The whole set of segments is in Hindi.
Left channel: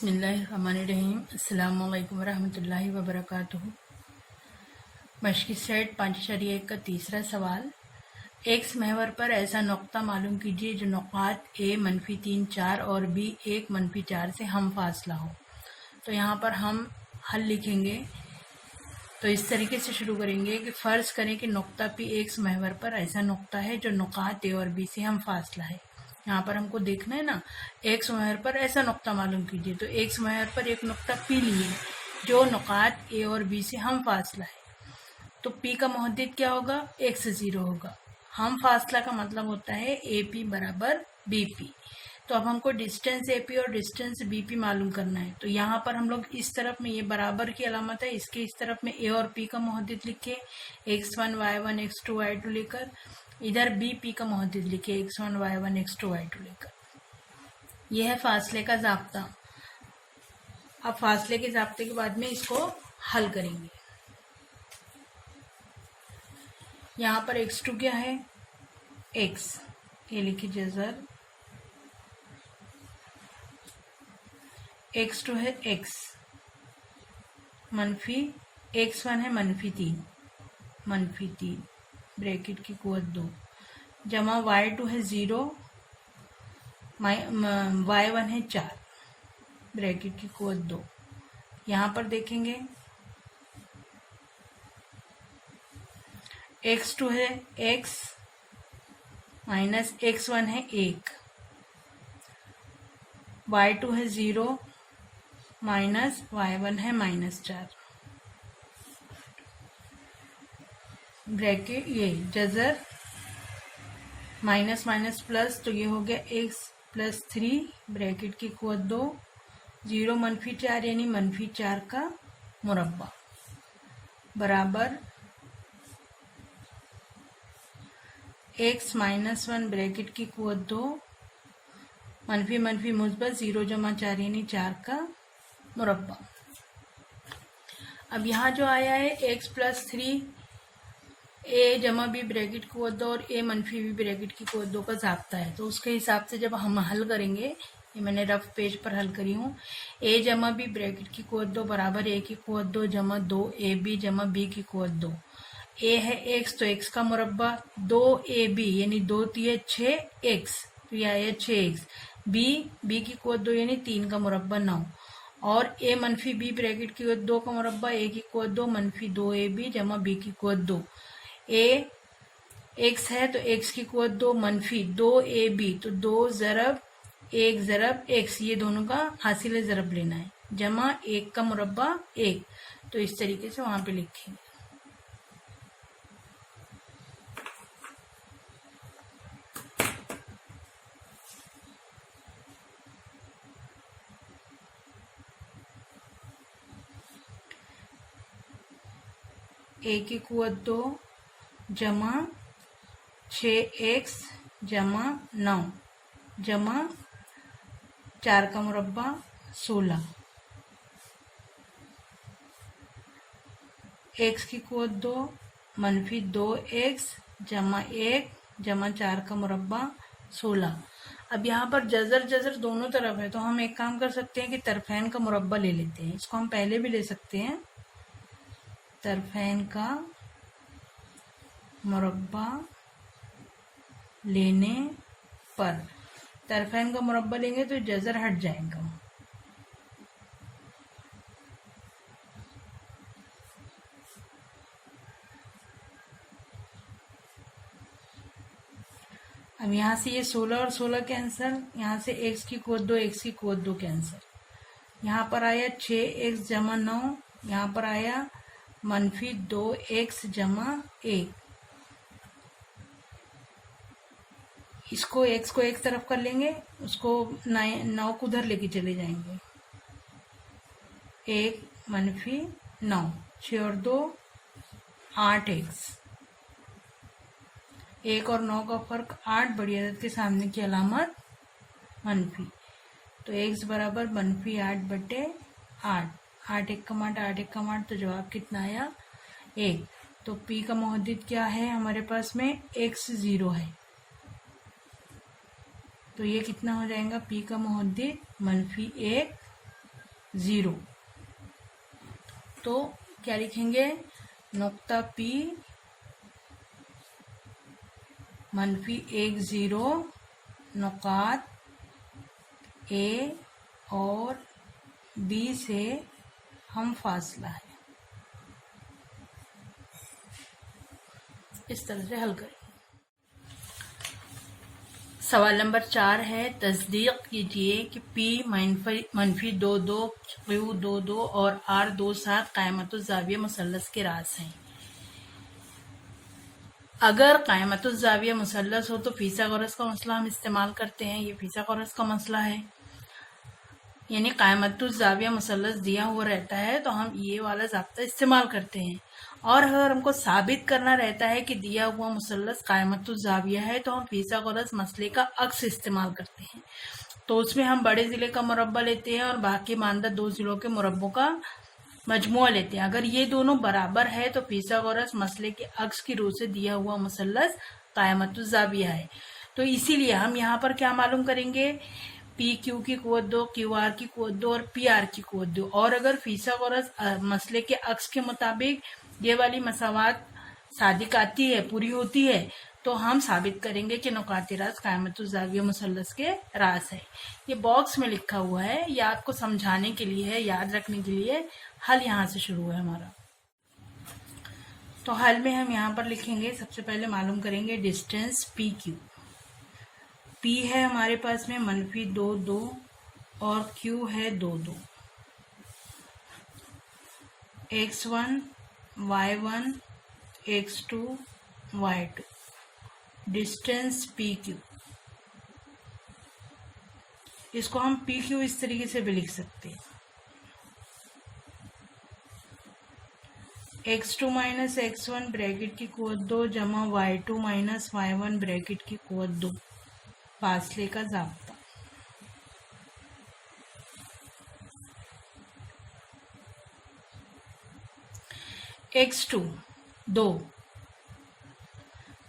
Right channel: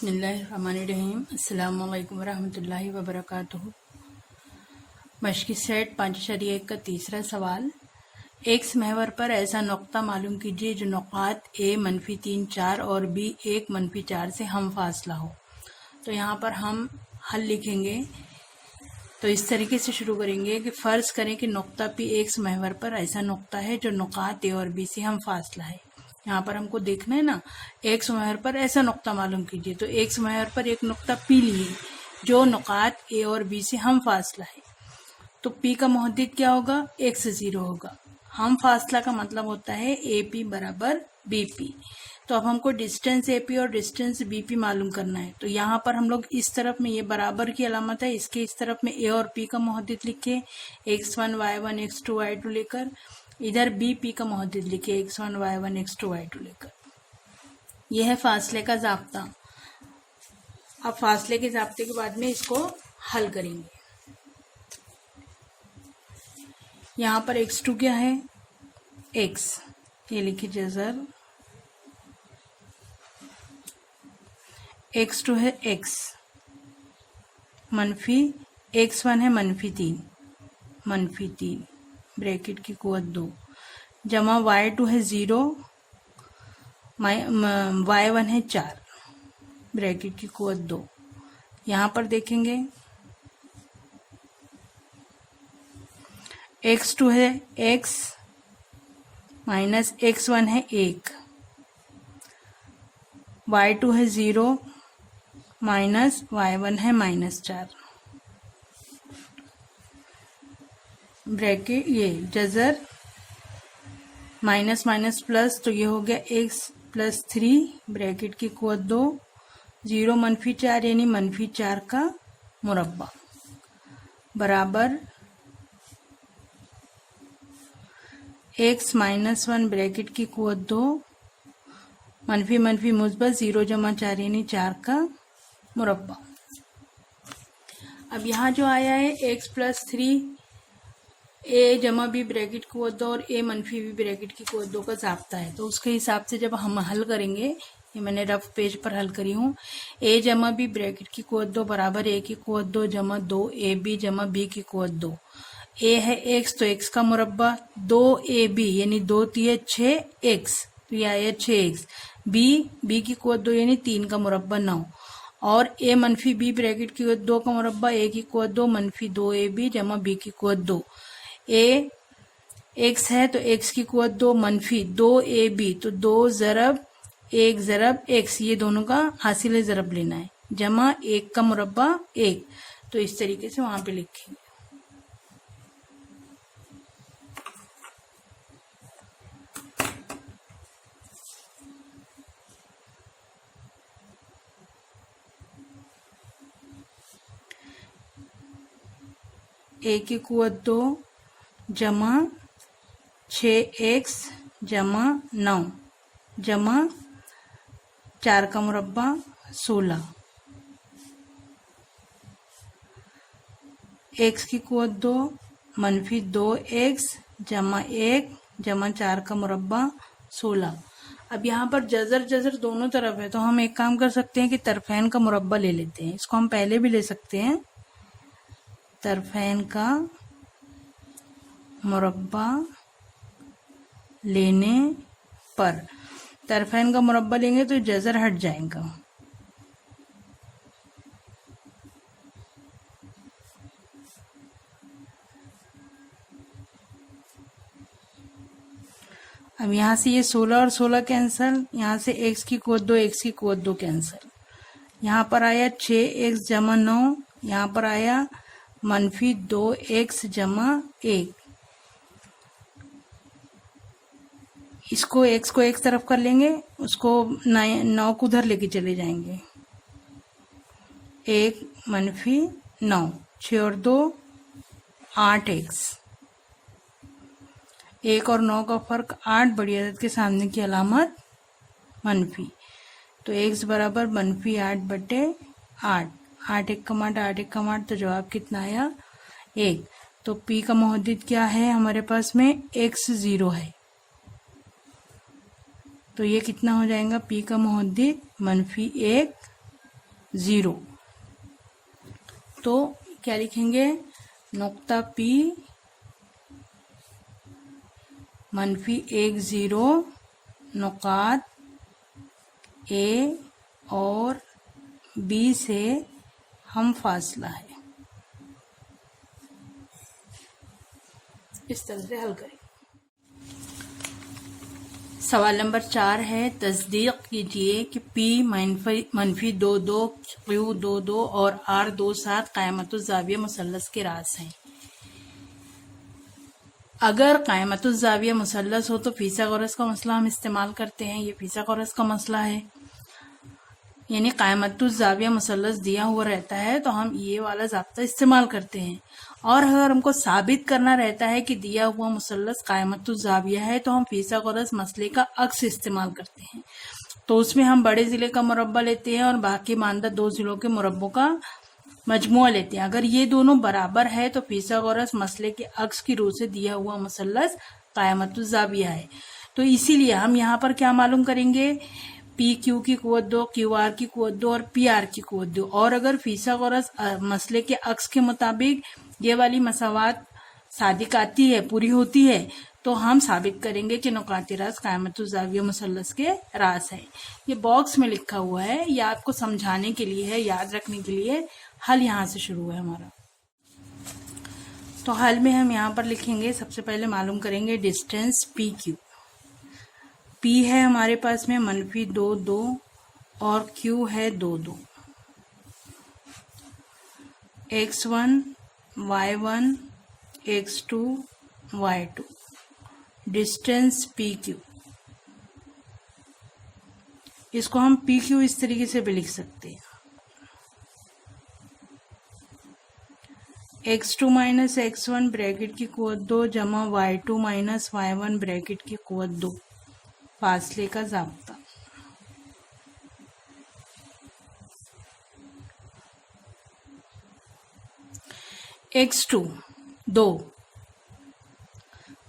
बिस्मिल्लाहिर्रहमानिर्रहीम। अस्सलामु अलैकुम वरहमतुल्लाहि वबरकातुहू। मश्की सेट 5.1 का तीसरा सवाल। एक्स महवर पर ऐसा नुक्ता मालूम कीजिए जो नुकात ए -3 4 और बी 1 -4 से हम फासला हो। तो यहाँ पर हम हल लिखेंगे तो इस तरीके से शुरू करेंगे कि फ़र्ज़ करें कि नुक्ता पी एक्स महवर पर ऐसा नुक्ता है जो नुकात ए और बी से हम फासला है। यहाँ पर हमको देखना है ना, एक्स महवर पर ऐसा नुक्ता मालूम कीजिए, तो एक्स महवर पर एक नुक्ता पी लिए जो नुकात ए और बी से हम फासला है। तो पी का मुहद्दिद क्या होगा? एक्स 0 होगा। हम फासला का मतलब होता है ए पी बराबर बी पी। तो अब हमको डिस्टेंस ए पी और डिस्टेंस बी पी मालूम करना है। तो यहाँ पर हम लोग इस तरफ में, ये बराबर की अलामत है, इसके इस तरफ में ए और पी का मुहद्दिद लिखे x1 y1 x2 y2 लेकर, इधर बी पी का मुहद्दिद लिखे x1 y1 x2 y2 लेकर। यह है फासले का ज़ाब्ता। अब फासले के ज़ाब्ते के बाद में इसको हल करेंगे। यहाँ पर x2 क्या है? x, ये लिखिए जज़र। x2 है x मनफी, x1 है -3 ब्रैकेट की कुव्वत 2 जमा y2 है 0 y1 है 4 ब्रैकेट की कुव्वत 2। यहाँ पर देखेंगे x2 है x माइनस x1 है 1, y2 है 0 माइनस y1 है -4 ब्रैकेट, ये जज़र माइनस माइनस प्लस, तो ये हो गया x + 3 ब्रैकेट की कुव्वत 2 0 -4 यानी -4 का मुरब्बा बराबर x -1 ब्रैकेट की कुव्वत 2 मनफी मनफी मुस्बत 0 जमा 4 यानी 4 का मुरब्बा। अब यहाँ जो आया है x + 3 ए जमा बी ब्रैकेट की कुव्वत 2 और ए मनफी बी ब्रैकेट की कुव्वत 2 का ज़ाब्ता है। तो उसके हिसाब से जब हम हल करेंगे, ये मैंने रफ पेज पर हल करी हूँ, ए जमा बी ब्रैकेट की कुव्वत 2 बराबर ए की कुव्वत 2 जमा 2 ए बी जमा बी की कुव्वत 2। ए है x, तो x का मुरब्बा 2ab यानी 2 × 6x, तो यह आया 6x। बी की कुव्वत 2 यानी 3 का मुरब्बा 9, और ए मनफी बी ब्रैकेट की कुव्वत 2 का मुरब्बा ए की कुव्वत 2 मनफी 2ab जमा बी की कुव्वत 2। ए x है तो x की कुव्वत 2 मनफी 2ab, तो 2 ज़रब 1 ज़रब x, ये दोनों का हासिल ज़रब लेना है, जमा 1 का मुरब्बा 1। तो इस तरीके से वहाँ पे लिखेंगे। ए की कुव्वत 2 जमा 6x जमा 9 जमा 4 का मुरब्बा 16। x की कुव्वत 2 मनफी 2x जमा 1 जमा 4 का मुरब्बा 16। अब यहाँ पर जज़र दोनों तरफ है, तो हम एक काम कर सकते हैं कि तरफैन का मुरब्बा ले लेते हैं। इसको हम पहले भी ले सकते हैं। तरफैन का मुरब्बा लेने पर, तरफैन का मुरब्बा लेंगे तो जज़र हट जाएगा। अब यहाँ से ये 16 और 16 कैंसल, यहाँ से x की कुव्वत 2 x की कुव्वत 2 कैंसल। यहाँ पर आया 6x जमा 9, यहाँ पर आया मनफी 2x जमा 1। इसको x को एक तरफ कर लेंगे, उसको 9 को उधर लेके चले जाएंगे। 1 मनफी 9, 6 और 2 8x, 1 और 9 का फ़र्क 8, बड़ी अदद के सामने की अलामत मनफी। तो x बराबर -8/8, 8 1 का 8 1 का 8, तो जवाब कितना आया? 1। तो p का मुहद्दिद क्या है हमारे पास में? x 0 है, तो ये कितना हो जाएगा? p का मुहद्दिद -1 0। तो क्या लिखेंगे, नुक्ता P -1 नुकात A और B से हम फासला है। इस तरह से हल करें। सवाल नंबर 4 है, तस्दीक कीजिए कि P -22, Q 22 और R 27 क़ायमतुज़्ज़ाविया मुसल्लस के रास हैं। अगर क़ायमतुज़्ज़ाविया मुसल्लस हो तो फिसागोरस का मसला हम इस्तेमाल करते हैं। ये फिसागोरस का मसला है, यानी क़ायमतुज़्ज़ाविया मुसल्लस दिया हुआ रहता है तो हम ये वाला ज़ाब्ता इस्तेमाल करते हैं। और अगर हमको साबित करना रहता है कि दिया हुआ मुसल्लस क़ायमतुज़्ज़ाविया है तो हम फिसागोरस मसले का अक्स इस्तेमाल करते हैं। तो उसमें हम बड़े ज़िले का मुरब्बा लेते हैं और बाकी मानदा 2 ज़िलों के मुरब्बों का मजमुआ लेते हैं। अगर ये दोनों बराबर है तो फिसागोरस मसले के अक्स की रूह से दिया हुआ मुसल्लस क़ायमतुज़्ज़ाविया है। तो इसीलिए हम यहाँ पर क्या मालूम करेंगे, पी क्यू की कुव्वत 2, क्यू आर की कुव्वत 2 और पी आर की कुव्वत 2। और अगर फिसागोरस मसले के अक्स के मुताबिक ये वाली मसावात सादिक आती है, पूरी होती है, तो हम साबित करेंगे कि नुकात रास क़ायमतुज़्ज़ाविया मुसल्लस के रास है। ये बॉक्स में लिखा हुआ है, या आपको समझाने के लिए है, याद रखने के लिए। हल यहाँ से शुरू है हमारा। तो हल में हम यहाँ पर लिखेंगे, सबसे पहले मालूम करेंगे डिस्टेंस पी क्यू। P है हमारे पास में -2, 2 और Q है 2, 2। x1, y1, x2, y2 distance PQ। इसको हम PQ इस तरीके से भी लिख सकते हैं, x2 - x1 ब्रैकेट की कुव्वत 2 जमा y2 - y1 ब्रैकेट की कुव्वत 2, फासले का ज़ाब्ता। x2 2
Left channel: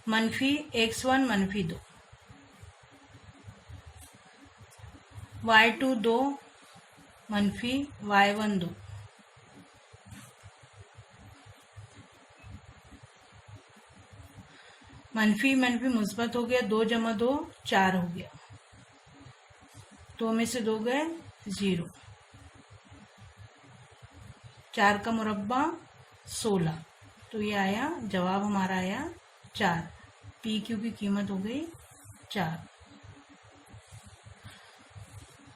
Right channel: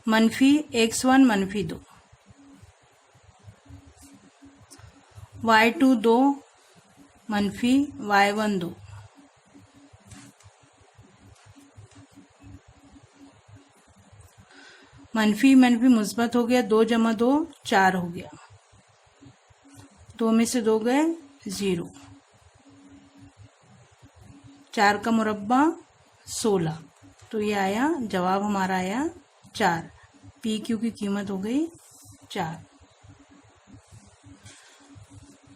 -x1 -2, y2 2 -y1 2, मनफी मनफी मुस्बत हो गया, 2 जमा 2 4 हो गया, 2 में से 2 गए 0, 4 का मुरब्बा 16। तो ये आया जवाब, हमारा आया 4। पी क्यू की कीमत हो गई 4।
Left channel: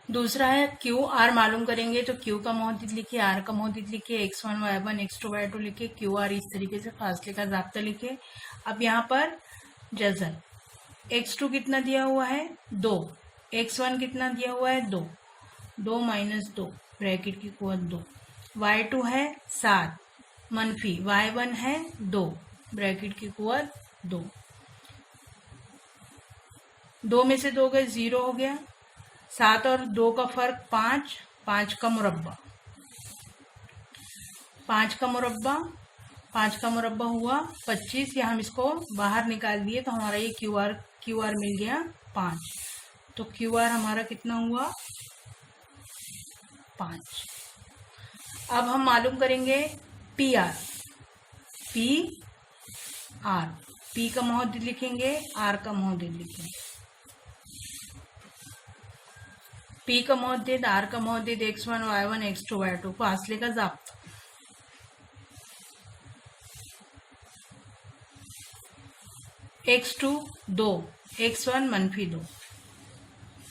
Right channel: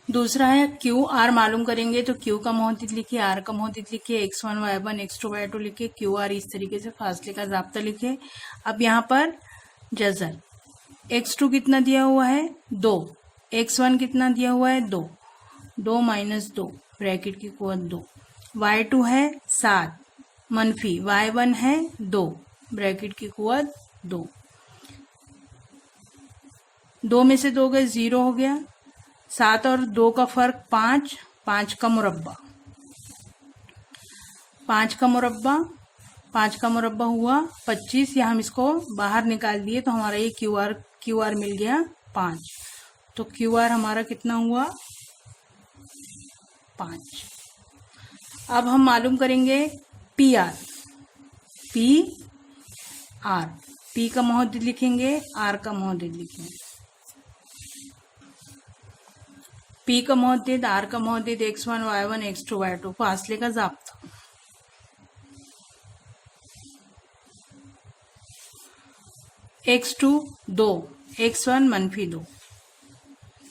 दूसरा है क्यू आर मालूम करेंगे, तो क्यू का मोहद्दिद लिखिए, आर का मोहद्दिद लिखिए, x1 y1 x2 y2 लिखिए, क्यू आर इस तरीके से फासले का ज़ाब्ता लिखिए। अब यहाँ पर जज़र, x2 कितना दिया हुआ है 2, x1 कितना दिया हुआ है 2, 2 - 2 ब्रैकेट की कुव्वत 2, y2 है 7 मनफी y1 है 2 ब्रैकेट की कुव्वत 2, 2 में से 2 गए 0 हो गया, 7 और 2 का फर्क 5, 5 का मुरब्बा, 5 का मुरब्बा, 5 का मुरब्बा हुआ 25, या हम इसको बाहर निकाल दिए तो हमारा ये क्यू आर मिल गया 5। तो क्यू आर हमारा कितना हुआ 5। अब हम मालूम करेंगे पी आर। पी का मोहद्दिद लिखेंगे, आर का मोहद्दिद लिखेंगे। पी का मोहद्दिद, आर का मोहद्दिद, x1 y1 x2 y2 फासले का ज़ाब्ता। x2 2, x1 -2,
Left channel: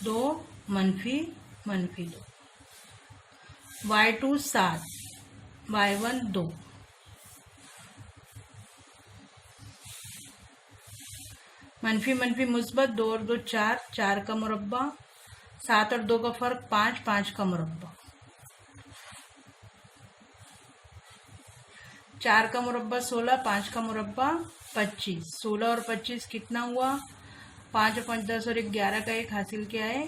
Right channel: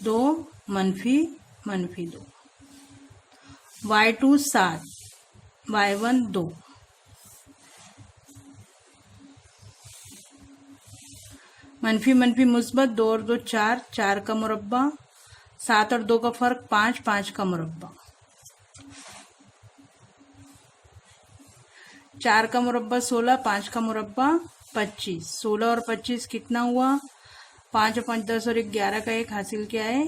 2 -2, y2 7, y1 2, मनफी मनफी मुस्बत, 2 और 2 4, 4 का मुरब्बा, 7 और 2 का फर्क 5, 5 का मुरब्बा, 4 का मुरब्बा 16, 5 का मुरब्बा 25, 16 और 25 कितना हुआ 5 और 5 10 और 1 11 का 1 हासिल क्या है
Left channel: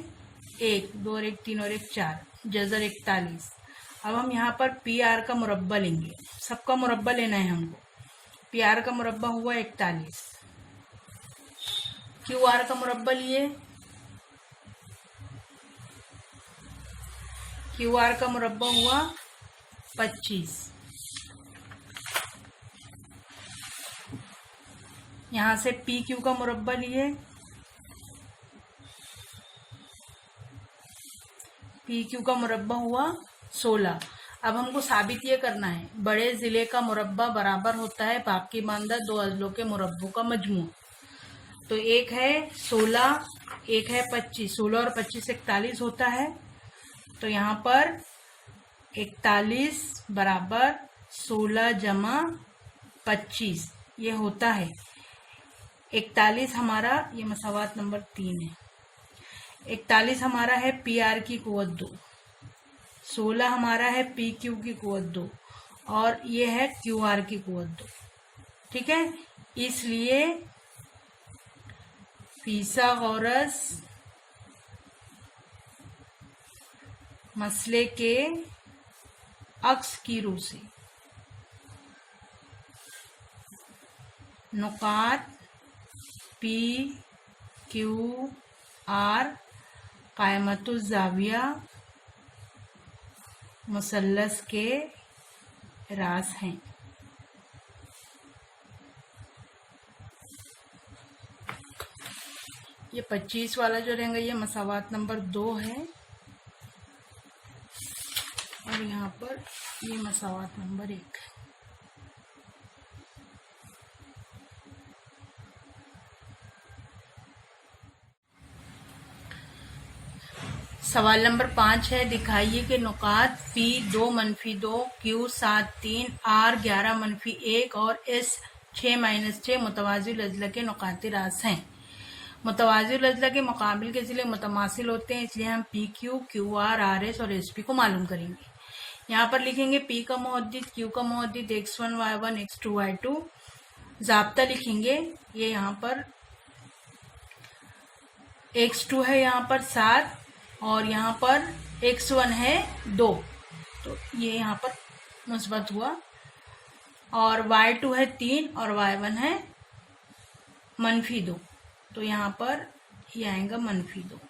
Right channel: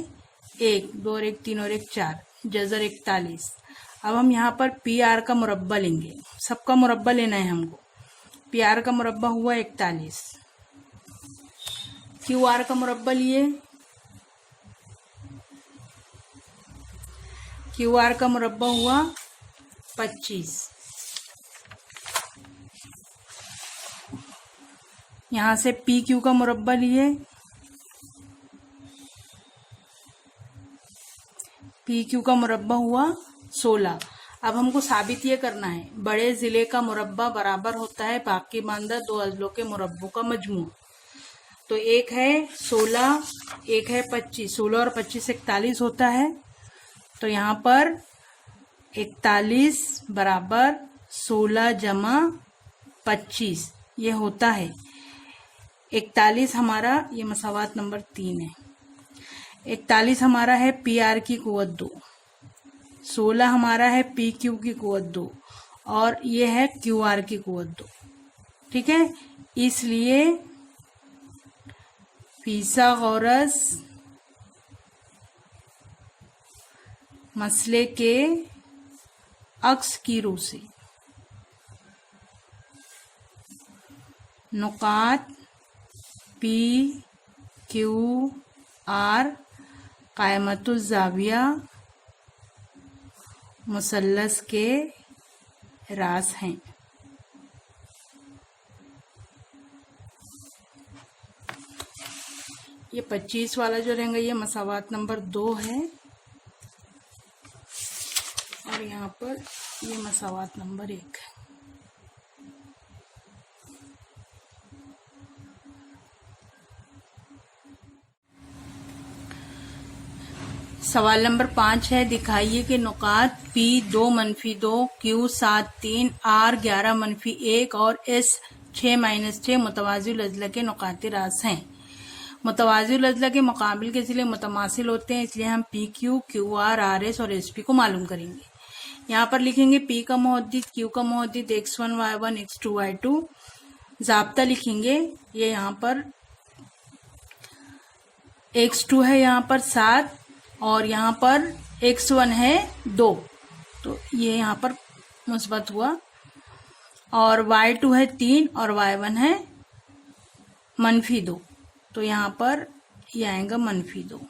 1, 2 और 1 3 और 1 4, जज़र 41। अब हम यहाँ पर पी आर का मुरब्बा लेंगे, सबका मुरब्बा लेना है हमको। पी आर का मुरब्बा हुआ 41, क्यू आर का मुरब्बा लिए, क्यू आर का मुरब्बा हुआ 25। यहाँ से पी क्यू का मुरब्बा लिए, पी क्यू का मुरब्बा हुआ 16। अब हमको साबित ये करना है बड़े जिले का मुरब्बा बराबर होता है बाकी मानदा दो अजलों के मुरब्बों का मजमू। तो एक है 16, एक है 25। 16 और 25 41 होता है। तो यहाँ पर 41 बराबर 16 जमा 25 ये होता है 41। हमारा ये मसावात नंबर 3 है। 41 हमारा है पी आर की कुव्वत 2, 16 हमारा है पी क्यू की कुव्वत 2 और ये है क्यू आर की कुव्वत 2। ठीक है, इसलिए पीथागोरस मसले के अक्स की रूह से नुकात पी क्यू आर कायमतुज़ ज़ाविया मुसल्लस के रास हैं। ये 25 वाला जो रहेगा ये मसावात नंबर 2 है और यहाँ पर ये मसावात नंबर 1 है। सवाल नंबर 5 है, दिखाइए कि नुकात P 2 - 2, Q 7 3, R 11 - 1 और S 6 - 6 मुतवाज़िल अज़ला के नुकाती रास हैं। मुतवाज़िल अज़ला के मुकाबिल के ज़िले मुतमासिल होते हैं, इसलिए हम P Q, Q R, R S और एस पी को मालूम करेंगे। यहाँ पर लिखेंगे पी का मुहद्दिद, क्यू का Muhaddith x1 y1 x2 y2। ज़ाब्ता लिखेंगे, ये यहाँ पर x2 है यहाँ पर 7 और यहाँ पर x1 है 2, तो ये यहाँ पर मुस्बत हुआ। और y2 है 3 और y1 है -2, तो यहाँ पर ये आएगा -2।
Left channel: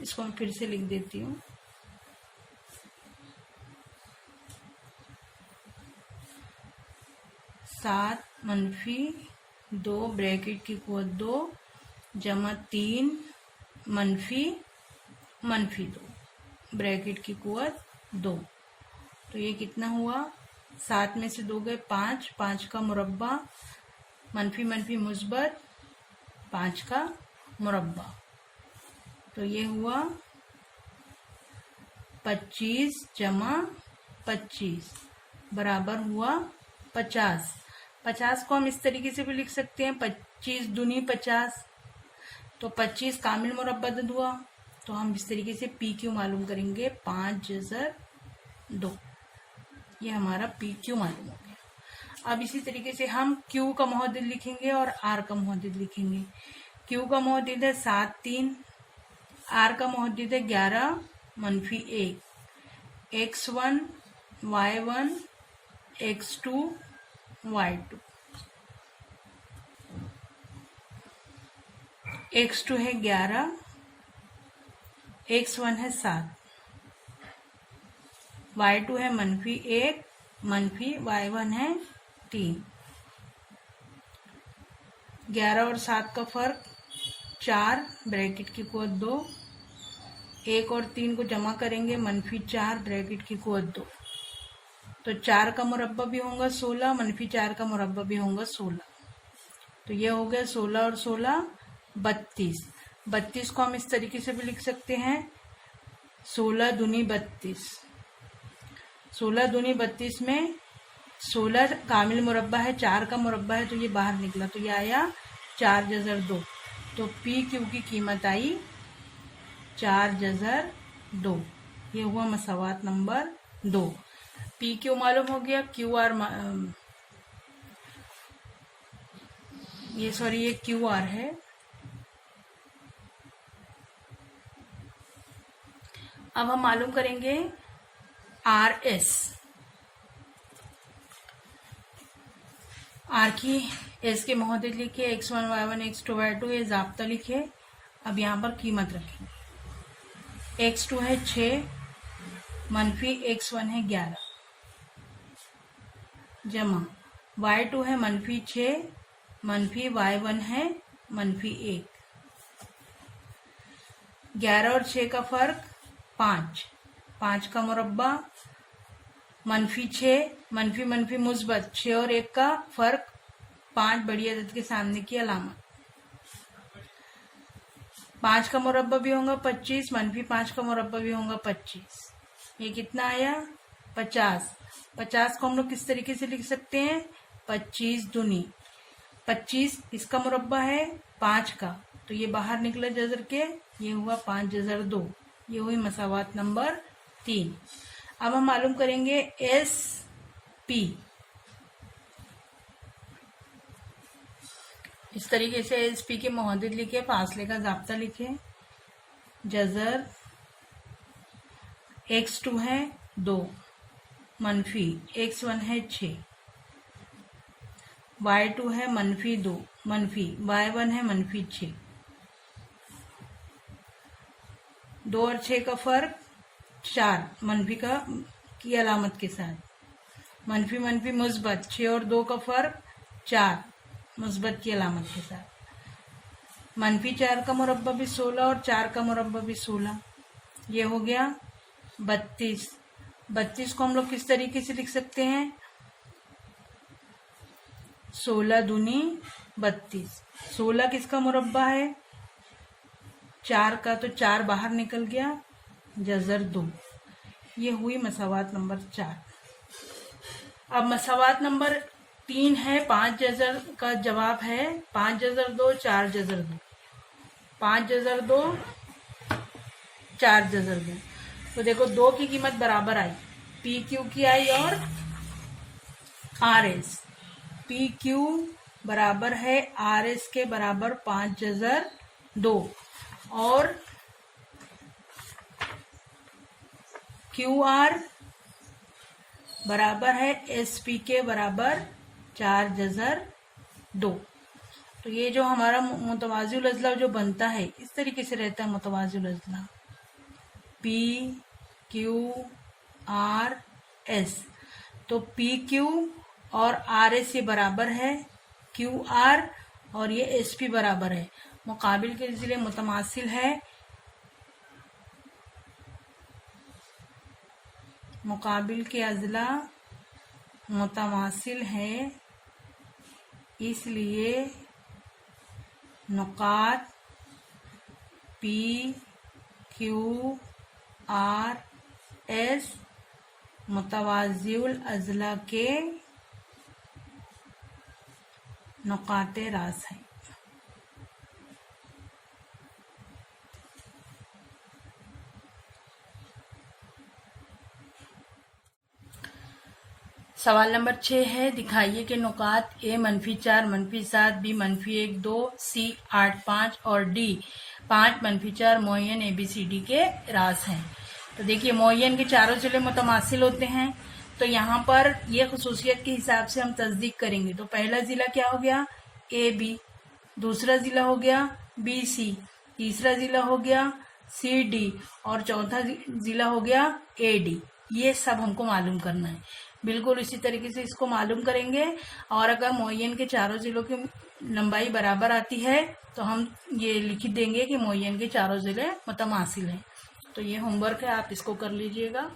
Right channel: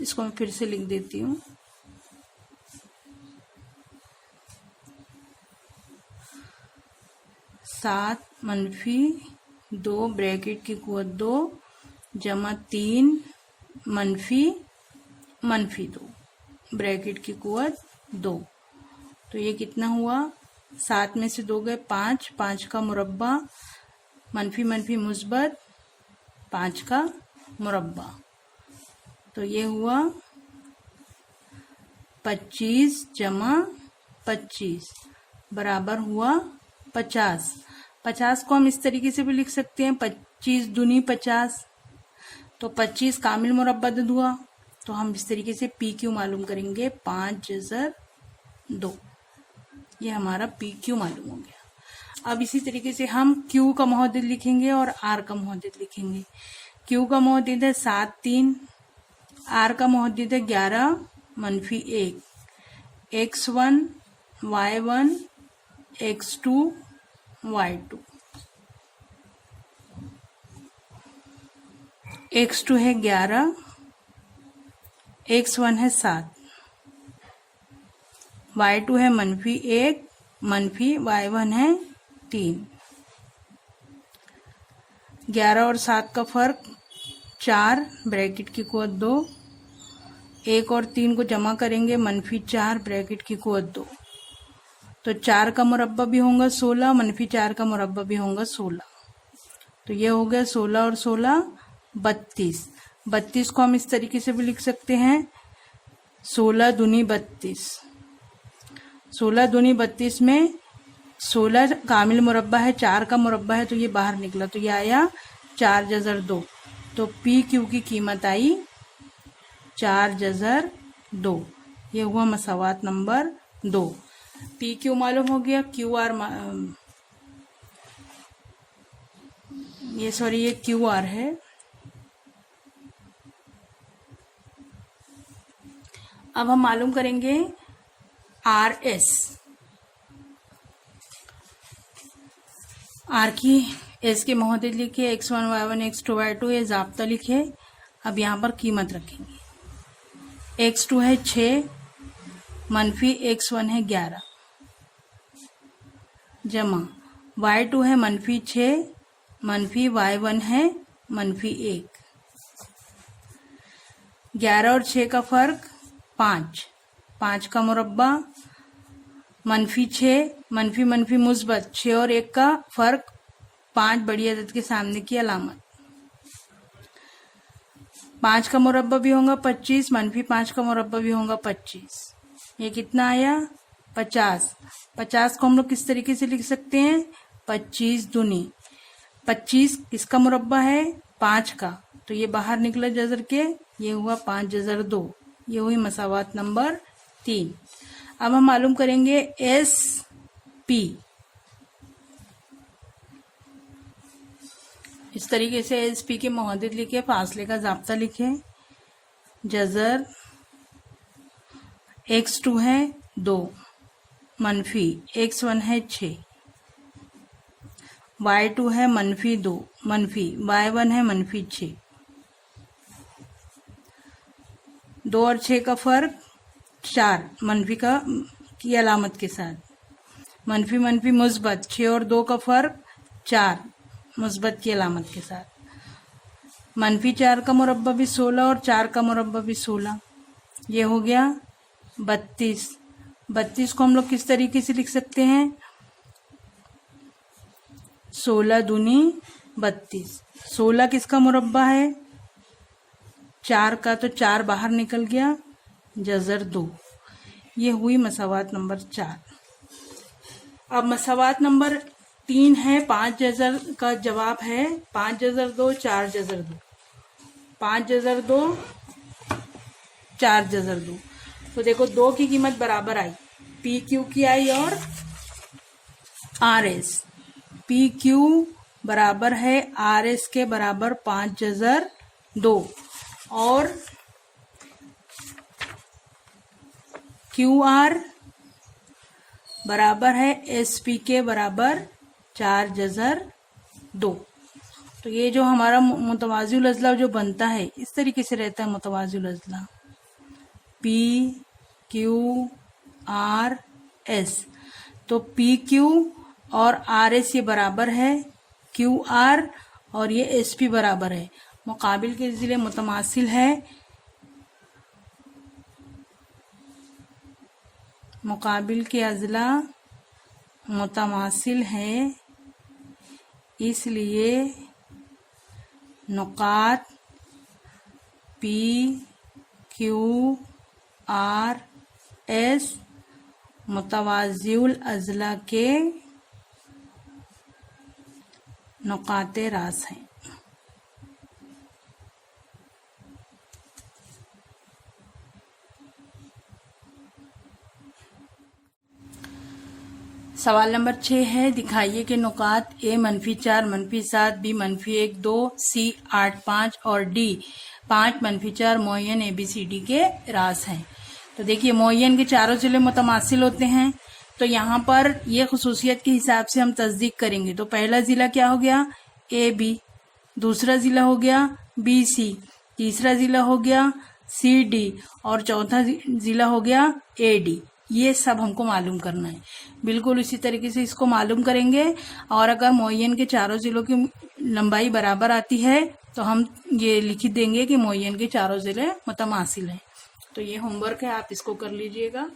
इसको मैं फिर से लिख देती हूँ। सात -2 ब्रैकेट की कुव्वत 2 जमा 3 -2 ब्रैकेट की कुव्वत 2। तो ये कितना हुआ? 7 में से 2 गए 5, 5 का मुरब्बा -- मुस्बत 5 का मुरब्बा, तो ये हुआ 25 जमा 25 बराबर हुआ 50। 50 को हम इस तरीके से भी लिख सकते हैं 25 दूनी 50, तो 25 कामिल मुरब्बत हुआ। तो हम इस तरीके से पी क्यू मालूम करेंगे 5 जज़र 2, ये हमारा पी क्यू मालूम हो गया। अब इसी तरीके से हम Q का मुहद्दिद लिखेंगे और R का मुहद्दिद लिखेंगे। Q का मुहद्दिद है 7 3, R का मुहद्दिद है 11 - 1, x1 y1 x2 y2। x2 है 11, x1 है 7, y2 है -1 y1 है 3। 11 और 7 का फर्क 4 ब्रैकेट की कुव्वत 2, 1 और 3 को जमा करेंगे -4 ब्रैकेट की कुव्वत 2, तो 4 का मुरब्बा भी होगा 16, -4 का मुरब्बा भी होगा 16, तो ये हो गया 16 और 16 32। 32 को हम इस तरीके से भी लिख सकते हैं 16 दूनी 32। 16 दूनी 32 में 16 कामिल मुरब्बा है, 4 का मुरब्बा है, तो ये बाहर निकला, तो ये आया 4 जज़र 2। तो पी क्यू की कीमत आई 4 जज़र 2, ये हुआ मसावात नंबर 2। पी क्यू मालूम हो गया, क्यू आर ये क्यू आर है। अब हम मालूम करेंगे आर एस। आर की एस के मुहद्दिद लिखे x1 y1 x2 y2, ये ज़ाब्ता लिखे। अब यहाँ पर कीमत रखेंगे। x2 है 6, मनफी x1 है 11 जमा y2 है मनफी 6 मनफी y1 है मनफी 1। 11 और 6 का फर्क 5, 5 का मुरब्बा मनफी 6 मनफी मनफी मुस्बत 6 और 1 का फर्क 5 बड़ी अदद के सामने की अलामत। 5 का मुरब्बा भी होगा 25 मनफी 5 का मुरब्बा भी होगा 25। ये कितना आया 50। 50 को हम लोग किस तरीके से लिख सकते हैं 25 दूनी 25 इसका मुरब्बा है 5 का, तो ये बाहर निकला जजर के, ये हुआ 5 जजर 2। ये हुई मसावात नंबर 3। अब हम मालूम करेंगे एस पी। इस तरीके से एस पी के मुहद्दिद लिखे, फासले का ज़ाब्ता लिखे। जजर x2 है 2 मनफी x1 है 6 y2 है मनफी 2 मनफी y1 है मनफी 6। 2 और 6 का फर्क 4 मनफी का की अलामत के साथ। मनफी मनफी मुस्बत 6 और 2 का फर्क 4 मुस्बत की अलामत के साथ। मनफी 4 का मुरब्बा भी 16 और 4 का मुरब्बा भी 16। ये हो गया 32। 32 को हम लोग किस तरीके से लिख सकते हैं 16 दूनी 32। 16 किसका मुरब्बा है 4 का, तो 4 बाहर निकल गया जजर 2। ये हुई मसावात नंबर 4। अब मसावात नंबर 3 है 5 जजर का जवाब है 5 जजर 2 4 जजर 2 5 जजर 2 4 जजर 2। तो देखो 2 की कीमत बराबर आई, पी क्यू की आई और आर एस। पी क्यू बराबर है आर एस के बराबर 5 जजर 2 और क्यू आर बराबर है एस पी के बराबर 4 जजर 2। तो ये जो हमारा मुतवाज़िल अज़ला जो बनता है इस तरीके से रहता है मुतवाज़िल अज़ला पी क्यू आर एस। तो पी क्यू और आर एस ये बराबर है क्यू आर और ये एस पी बराबर है। मुकाबिल के ज़िले मुतमासिल है, मुकाबिल के अज़ला मुतमासिल है, इसलिए नुकात पी क्यू आर एस मुतवाज़िल अज़ला के नुकाते रास हैं। सवाल नंबर 6 है, दिखाइए कि नुकात ए मनफी 4 मनफी 7 बी मनफी 1 2 सी 8 5 और डी 5 मनफी 4 मुअय्यन ABCD के रास हैं। तो देखिए मुअय्यन के चारों ज़िले मुतमासिल होते हैं, तो यहाँ पर ये खसूसियत के हिसाब से हम तस्दीक करेंगे। तो पहला ज़िला क्या हो गया AB, दूसरा ज़िला हो गया BC, तीसरा ज़िला हो गया CD और चौथा ज़िला हो गया AD। ये सब हमको मालूम करना है। बिल्कुल इसी तरीके से इसको मालूम करेंगे और अगर मुअय्यन के चारों ज़िलों की लंबाई बराबर आती है तो हम ये लिख देंगे कि मुअय्यन के चारों ज़िले मुतमासिल हैं। तो ये होमवर्क है, आप इसको कर लीजिएगा।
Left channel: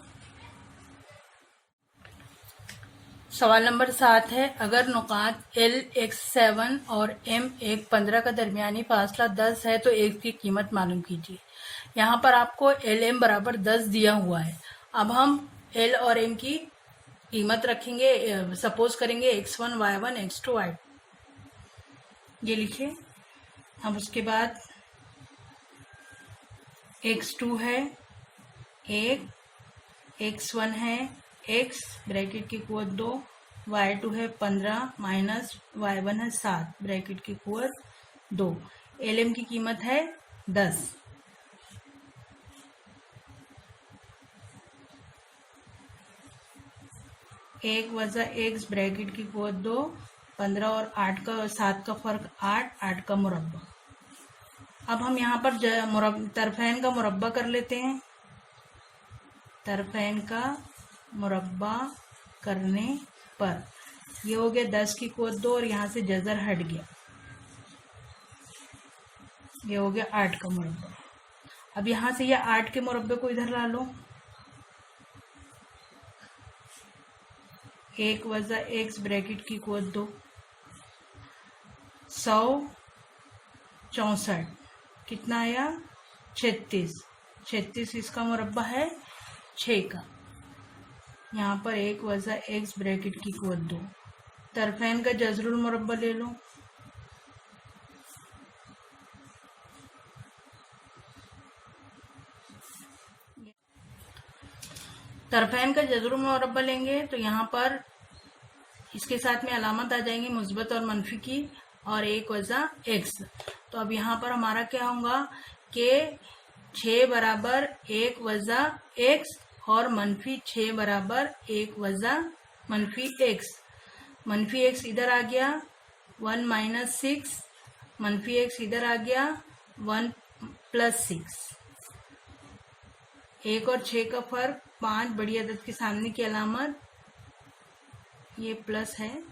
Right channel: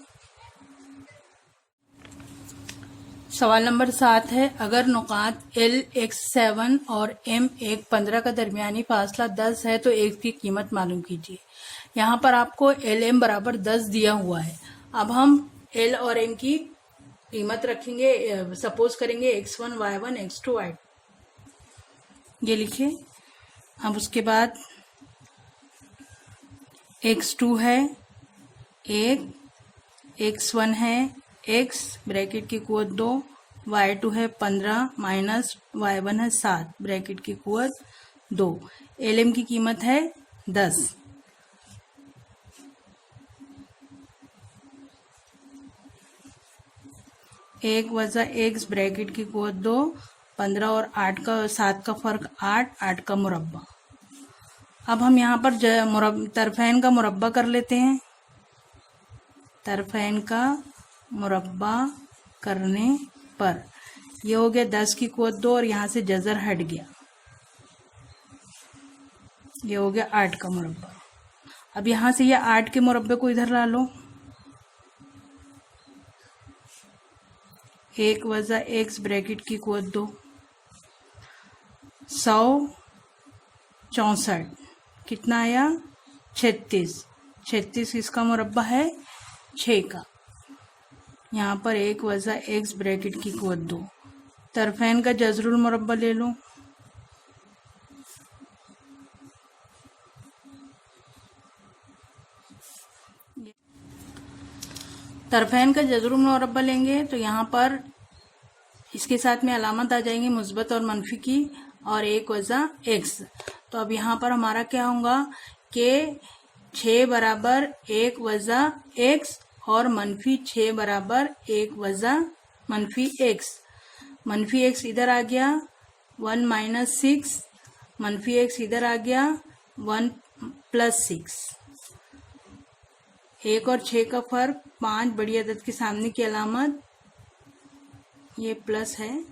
सवाल नंबर 7 है, अगर नुकात L x7 और M 15 का दरमियानी फासला 10 है तो x की कीमत मालूम कीजिए। यहाँ पर आपको LM बराबर 10 दिया हुआ है। अब हम L और M की कीमत रखेंगे, सपोज करेंगे x1 y1 x2 y2, ये लिखे। अब उसके बाद x2 है 1, x1 है x ब्रैकेट की कुवत 2, y2 है 15 माइनस y1 है 7 ब्रैकेट की कुवत 2। LM की कीमत है 10। एक वज़ा एक्स ब्रैकेट की कुवत 2, 15 और 8 का 7 का फर्क 8, 8 का मुरब्बा। अब हम यहाँ पर तरफैन का मुरब्बा कर लेते हैं। तरफैन का मुरब्बा करने पर। ये हो गया 10 की कुवत 2 और यहाँ से जज़र हट गया, ये हो गया 8 का मुरब्बा। अब यहाँ से ये 8 के मुरब्बे को इधर ला लो, 1 वज़ा x ब्रैकेट की कुवत 2, 164 कितना आया 36, 36 किसका मुरब्बा है 6 का। यहाँ पर 1 वज़ा x ब्रैकेट की कुवत 2, तरफैन का जज़रुल मुरब्बा ले लो, तरफैन का जज़रुल मुरब्बा लेंगे तो यहाँ पर इसके साथ में अलामत आ जाएंगी मुस्बत और मनफी की, और 1 वज़ा x। तो अब यहाँ पर हमारा क्या होगा कि 6 बराबर 1 वज़ा x और मनफी 6 बराबर 1 वज़ा मनफी x। मनफी x इधर आ गया 1 माइनस 6, मनफी x इधर आ गया 1 प्लस 6। 1 और 6 का फर्क 5, बड़ी अदद के सामने की अलामत ये प्लस है,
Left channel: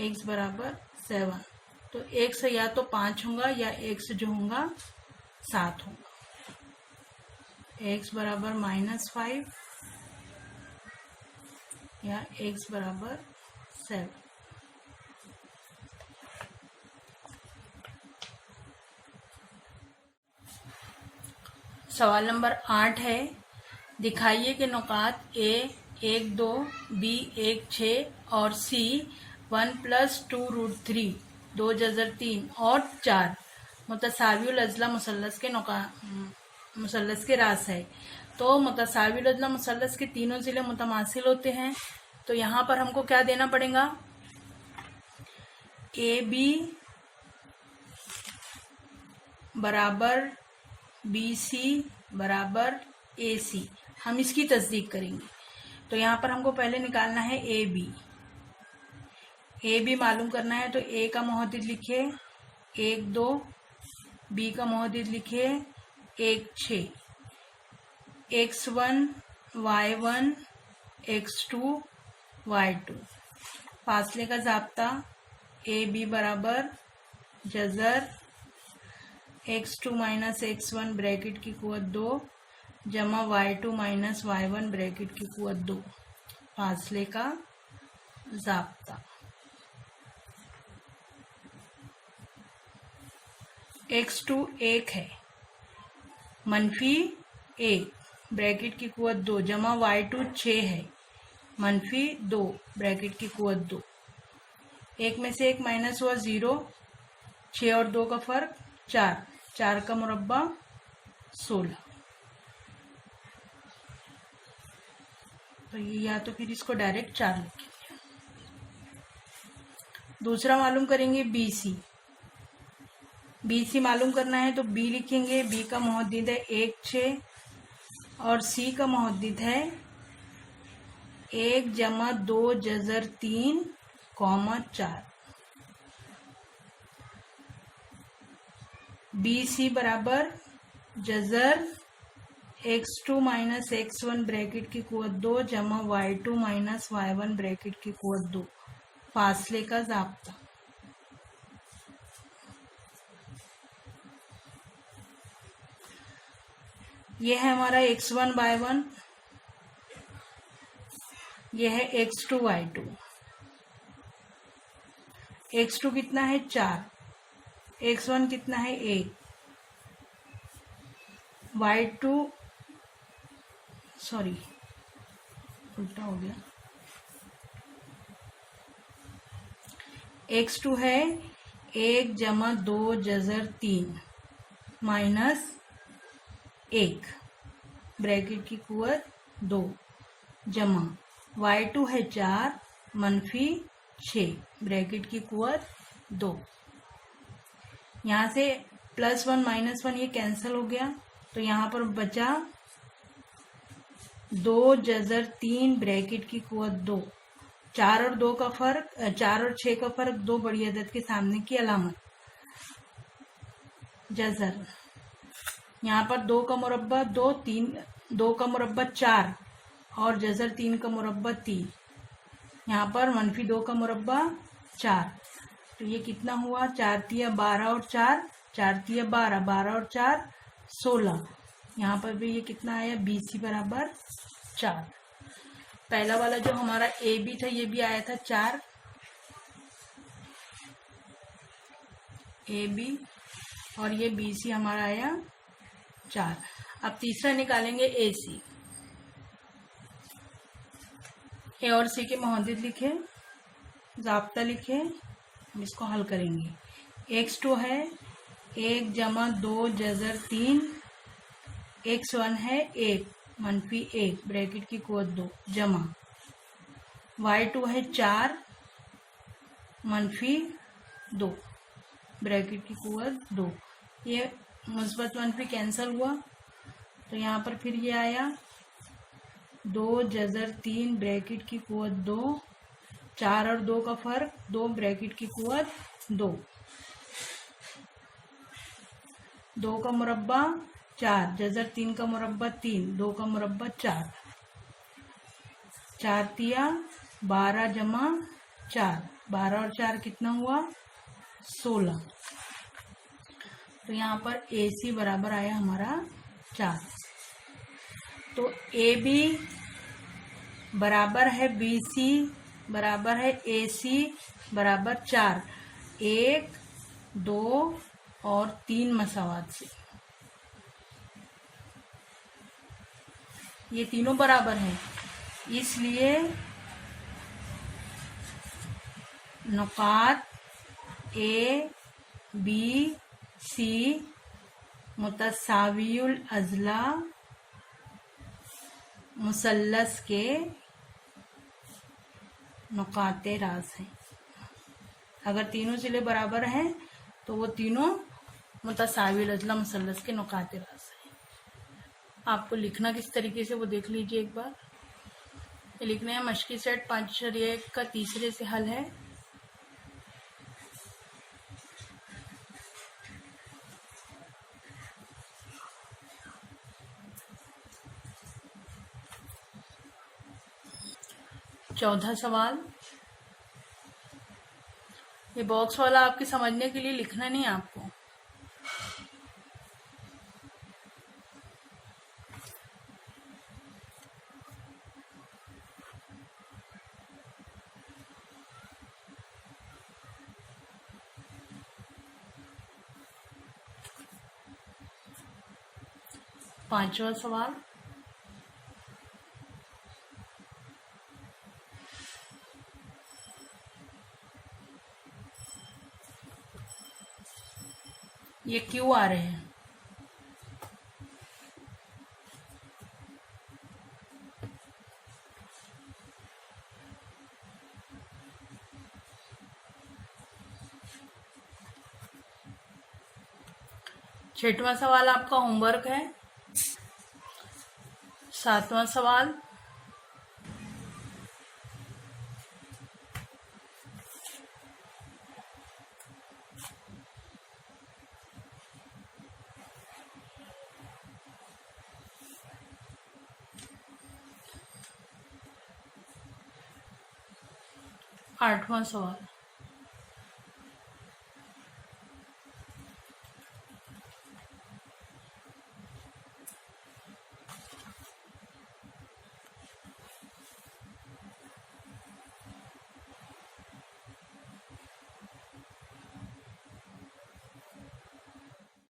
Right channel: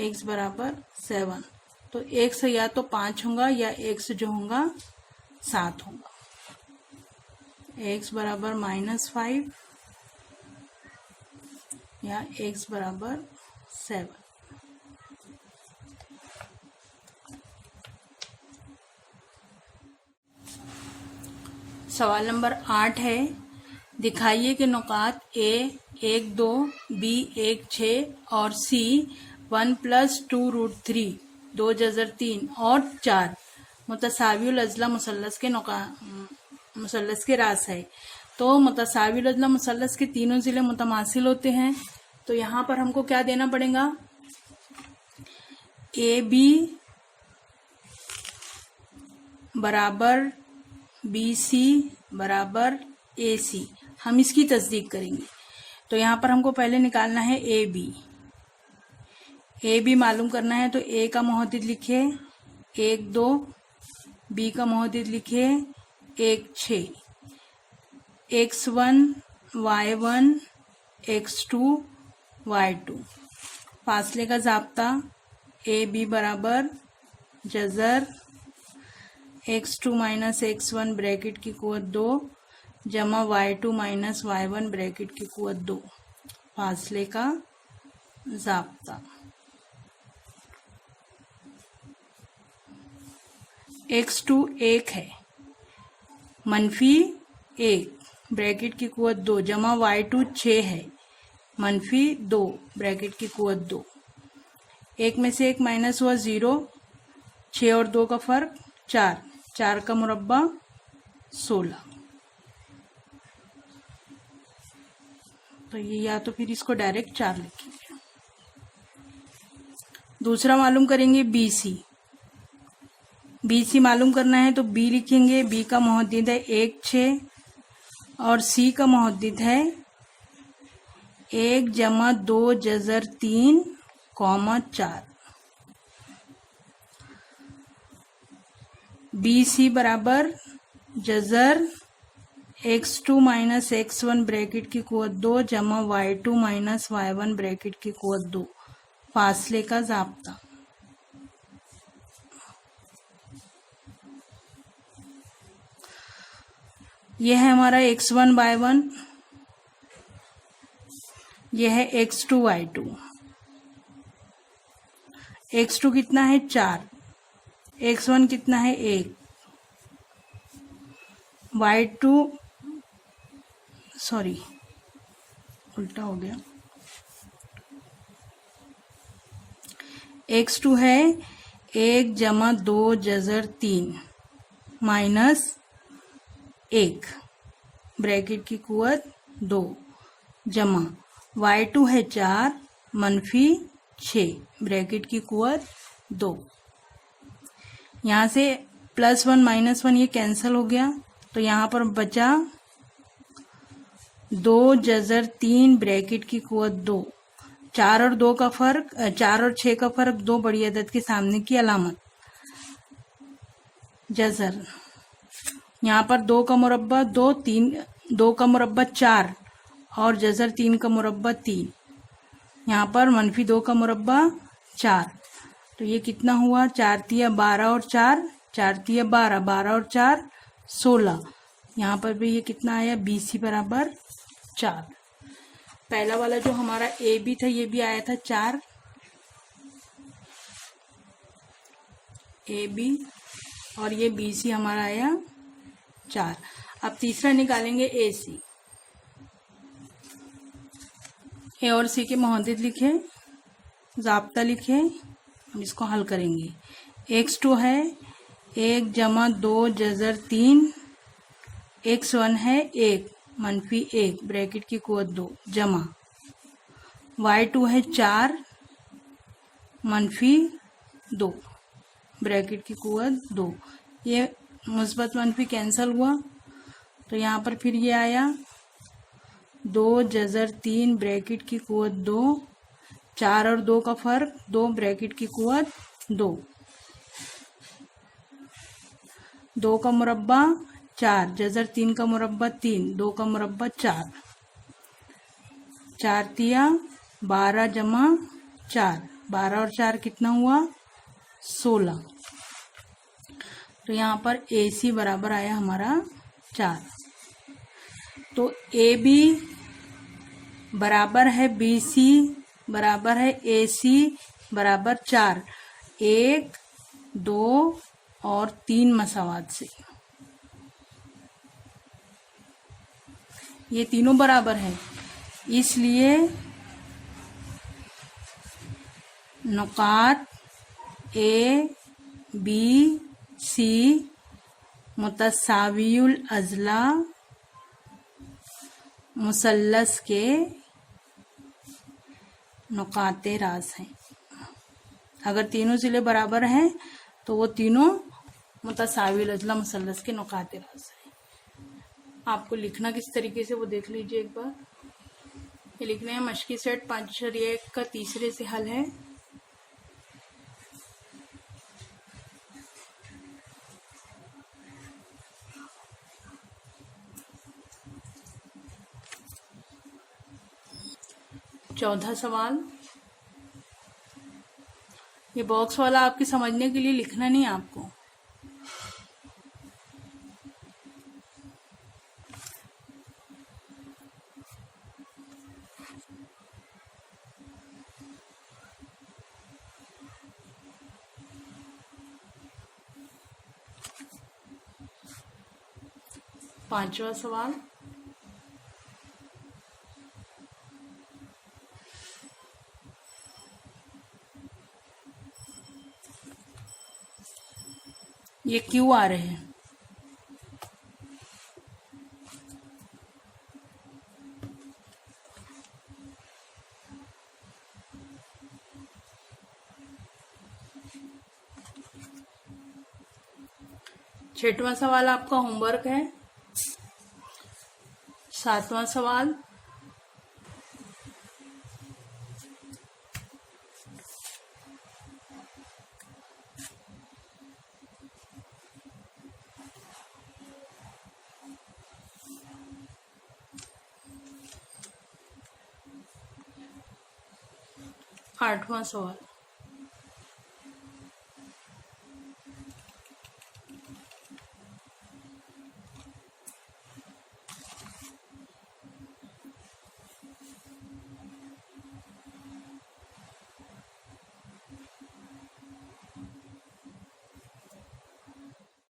x बराबर 7। तो x या तो 5 होगा या x जो होगा 7 होगा। x बराबर -5 या x बराबर 7। सवाल नंबर 8 है, दिखाइए कि नुकात A 1 2, B 1 6 और C 1 + 2√3 2 जज़र 3 और 4 मुतसावियुल अज़ला मुसल्लस के मुसल्लस के रास है। तो मुतसावियुल अज़ला मुसल्लस के तीनों ज़िले मुतमासिल होते हैं। तो यहाँ पर हमको क्या देना पड़ेगा, AB बराबर BC बराबर AC, हम इसकी तस्दीक करेंगे। तो यहाँ पर हमको पहले निकालना है AB मालूम करना है। तो A का मुहद्दिद लिखे 1 2, B का मुहद्दिद लिखे 1 6, x1 y1 x2 y2। फासले का ज़ाब्ता AB बराबर जज़र x2 माइनस x1 ब्रैकेट की कुवत 2 जमा y2 माइनस y1 ब्रैकेट की कुवत 2, फासले का ज़ाब्ता। x2 1 है, मनफी 1 ब्रैकेट की कुवत 2 जमा y2 6 है, मनफी 2 ब्रैकेट की कुवत 2। 1 में से 1 माइनस हुआ 0, 6 और 2 का फर्क 4, 4 का मुरब्बा 16। तो ये या तो फिर इसको डायरेक्ट 4 लिखेंगे। दूसरा मालूम करेंगे BC मालूम करना है। तो B लिखेंगे, B का मुहद्दिद है 1 6 और C का मुहद्दिद है 1 जमा 2 जज़र 3 4। BC बराबर जज़र x2 माइनस x1 ब्रैकेट की कुवत 2 जमा y2 माइनस y1 ब्रैकेट की कुवत 2, फासले का ज़ाब्ता। यह है हमारा x1 y1, यह है x2 y2। x2 कितना है 4, x1 कितना है 1, y2 सॉरी उल्टा हो गया, x2 है 1 जमा 2 जज़र 3 माइनस 1 ब्रैकेट की कुवत 2 जमा y2 है 4 मनफी 6 ब्रैकेट की कुवत 2। यहाँ से +1 -1 ये कैंसिल हो गया। तो यहाँ पर बचा 2 जज़र 3 ब्रैकेट की कुवत 2। 4 और 2 का फर्क 4 और 6 का फर्क 2, बड़ी अदद के सामने की अलामत जज़र। यहाँ पर 2 का मुरब्बा 2, 3 2 का मुरब्बा 4 और जज़र 3 का मुरब्बा 3, यहाँ पर -2 का मुरब्बा 4, तो ये कितना हुआ, 4 तिया 12 और 4 तिया 12, 12 और 4 16, यहाँ पर भी ये कितना आया, BC बराबर 4। पहला वाला जो हमारा AB था ये भी आया था 4 AB, और ये BC हमारा आया 4। अब तीसरा निकालेंगे AC। ए और सी के मुहद्दिद लिखे, ज़ाब्ता लिखे, हम इसको हल करेंगे। x2 है 1 + 2 जज़र 3, x1 है 1 -1 ब्रैकेट की कुव्वत 2 जमा, y2 है 4 -2 ब्रैकेट की कुव्वत 2, ये मुस्बत मनफी कैंसिल हुआ, तो यहाँ पर फिर ये आया 2 जज़र 3 ब्रैकेट की कुव्वत 2, 4 और 2 का फर्क 2 ब्रैकेट की कुव्वत 2, 2 का मुरब्बा 4 जज़र 3 का मुरब्बा 3, 2 का मुरब्बा 4, 4 तिया 12 जमा 4, 12 और 4 कितना हुआ, 16, तो यहाँ पर AC बराबर आया हमारा 4। तो AB बराबर है BC बराबर है AC बराबर 4, 1 2 और 3 मसावात से ये तीनों बराबर हैं, इसलिए नुकात A B C मुतसावियुल अज़ला मुसल्लस के नुकाते रास हैं। अगर तीनों ज़िले बराबर हैं तो वो तीनों मुतसावियुल अज़ला मुसल्लस के नुकाते रास हैं। आपको लिखना किस तरीके से वो देख लीजिए एक बार। ये लिखने हैं मशकी सेट 5.1 का तीसरे से हल है। चौथा सवाल, ये बॉक्स वाला आपके समझने के लिए लिखना नहीं आपको। पांचवा सवाल, ये क्यों आ रहे हैं। छठवां सवाल आपका होमवर्क है। सातवां सवाल, आठवां सवाल,